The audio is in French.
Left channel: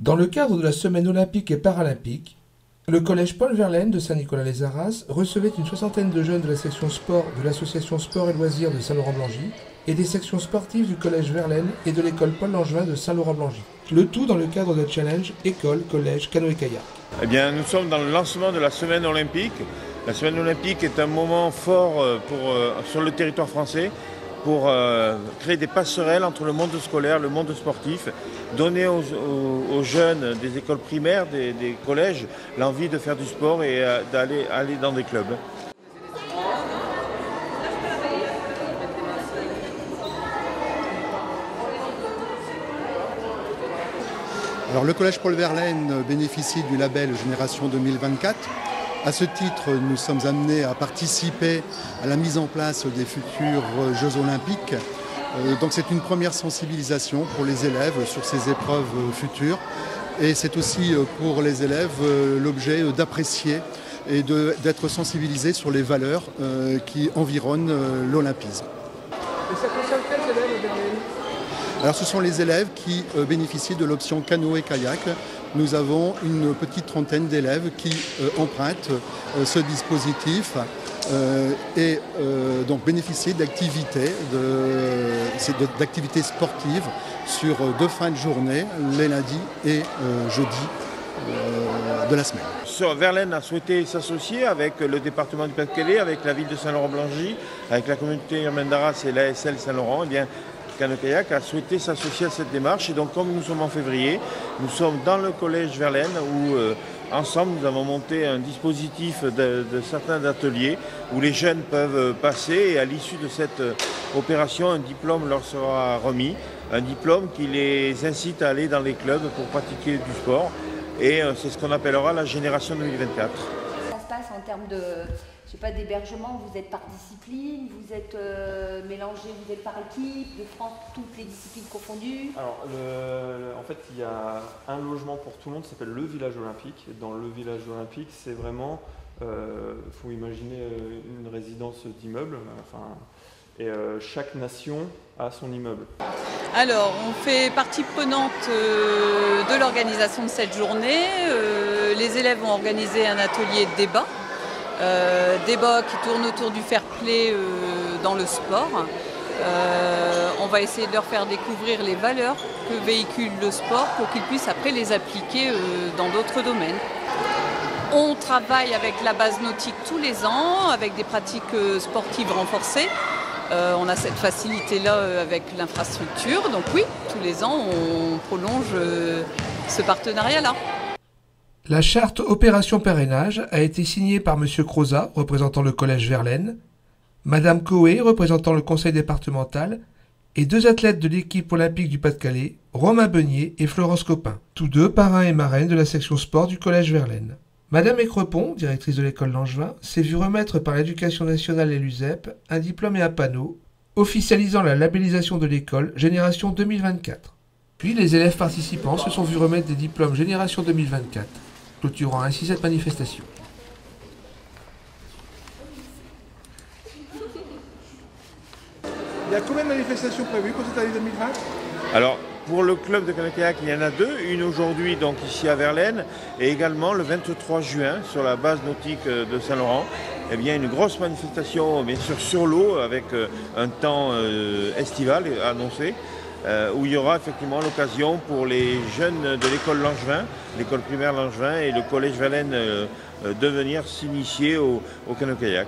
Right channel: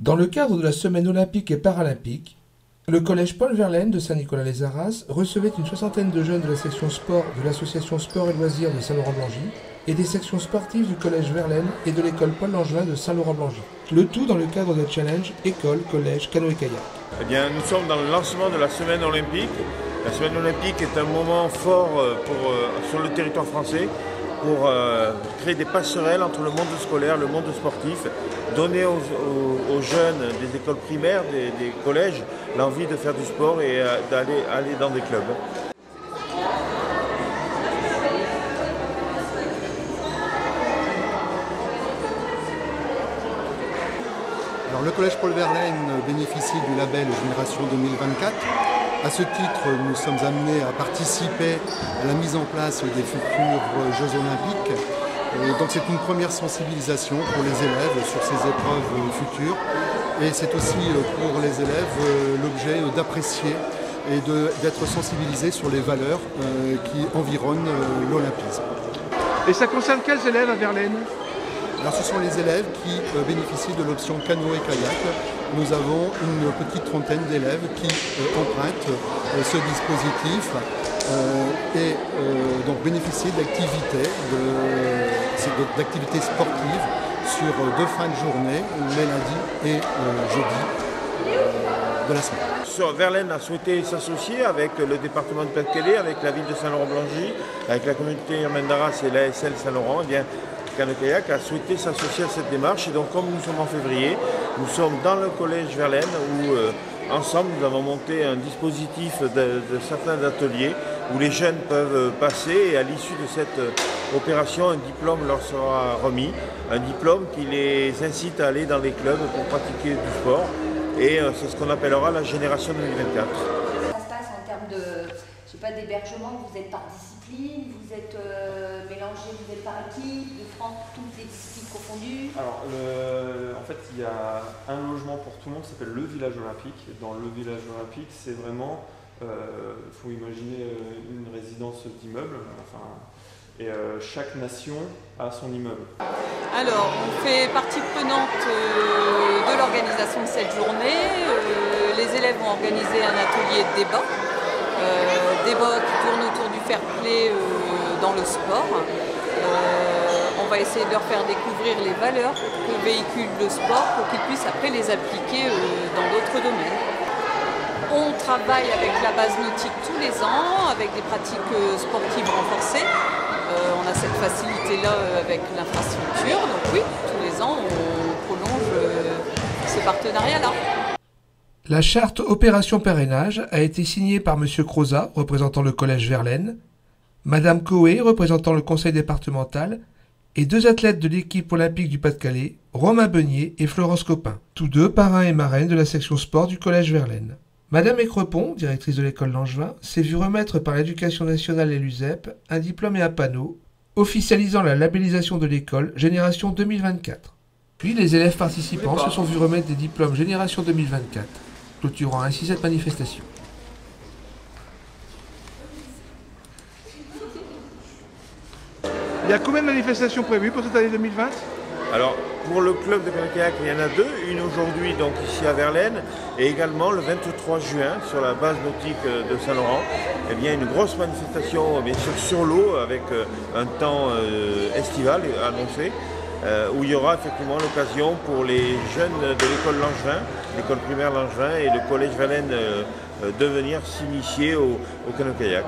Dans le cadre de la semaine olympique et paralympique, le collège Paul Verlaine de Saint-Nicolas-les-Arras recevait une soixantaine de jeunes de la section sport de l'association Sport et Loisirs de Saint-Laurent-Blangy et des sections sportives du collège Verlaine et de l'école Paul Langevin de Saint-Laurent-Blangy. Le tout dans le cadre de challenge école, collège, canoë-kayak. Eh bien, nous sommes dans le lancement de la semaine olympique. La semaine olympique est un moment fort sur le territoire français pour créer des passerelles entre le monde scolaire et le monde sportif, donner aux jeunes des écoles primaires, des collèges, l'envie de faire du sport et d'aller dans des clubs. Alors, le collège Paul Verlaine bénéficie du label Génération 2024. À ce titre, nous sommes amenés à participer à la mise en place des futurs Jeux Olympiques. Donc c'est une première sensibilisation pour les élèves sur ces épreuves futures. Et c'est aussi pour les élèves l'objet d'apprécier et d'être sensibilisés sur les valeurs qui environnent l'olympisme. Et ça concerne quels élèves à Verlaine ? Alors, ce sont les élèves qui bénéficient de l'option canoë-kayak. Nous avons une petite trentaine d'élèves qui empruntent ce dispositif et donc bénéficient d'activités sportives sur 2 fins de journée, les lundis et jeudi de la semaine. Verlaine a souhaité s'associer avec le département de Pas-de-Calais, avec la ville de Saint-Laurent-Blangy, avec la communauté urbaine d'Arras et l'ASL Saint-Laurent. Eh bien, Canoë-Kayak a souhaité s'associer à cette démarche et donc comme nous sommes en février, nous sommes dans le collège Verlaine où ensemble nous avons monté un dispositif de certains ateliers où les jeunes peuvent passer et à l'issue de cette opération un diplôme leur sera remis, un diplôme qui les incite à aller dans les clubs pour pratiquer du sport et c'est ce qu'on appellera la génération 2024. Ça se passe en termes d'hébergement, vous êtes par discipline, vous êtes mélangé, vous êtes par équipe, toutes les disciplines confondues. Alors, en fait, il y a un logement pour tout le monde, ça s'appelle le village olympique. Et dans le village olympique, c'est vraiment, faut imaginer une résidence d'immeuble, et chaque nation a son immeuble. Alors, on fait partie prenante de l'organisation de cette journée. Les élèves ont organisé un atelier de débat. Débat qui tourne autour du fair play dans le sport. On va essayer de leur faire découvrir les valeurs que véhicule le sport pour qu'ils puissent après les appliquer dans d'autres domaines. On travaille avec la base nautique tous les ans, avec des pratiques sportives renforcées. On a cette facilité-là avec l'infrastructure, donc oui, tous les ans on prolonge ce partenariat-là. La charte Opération Parrainage a été signée par M. Crozat, représentant le collège Verlaine, Mme Coé, représentant le conseil départemental, et 2 athlètes de l'équipe olympique du Pas-de-Calais, Romain Beunier et Florence Copin, tous 2 parrains et marraines de la section sport du collège Verlaine. Mme Écrepont, directrice de l'école Langevin, s'est vue remettre par l'Éducation nationale et l'USEP un diplôme et un panneau officialisant la labellisation de l'école Génération 2024. Puis les élèves participants se sont vus remettre des diplômes Génération 2024. Clôturant ainsi cette manifestation. Il y a combien de manifestations prévues pour cette année 2020 ? Alors, pour le club de canoë-kayak, il y en a 2, une aujourd'hui donc ici à Verlaine et également le 23 juin sur la base nautique de Saint-Laurent. Eh bien, une grosse manifestation bien sûr sur l'eau avec un temps estival annoncé. Où il y aura effectivement l'occasion pour les jeunes de l'école Langevin, l'école primaire Langevin et le collège Verlaine de venir s'initier au canoë-kayak.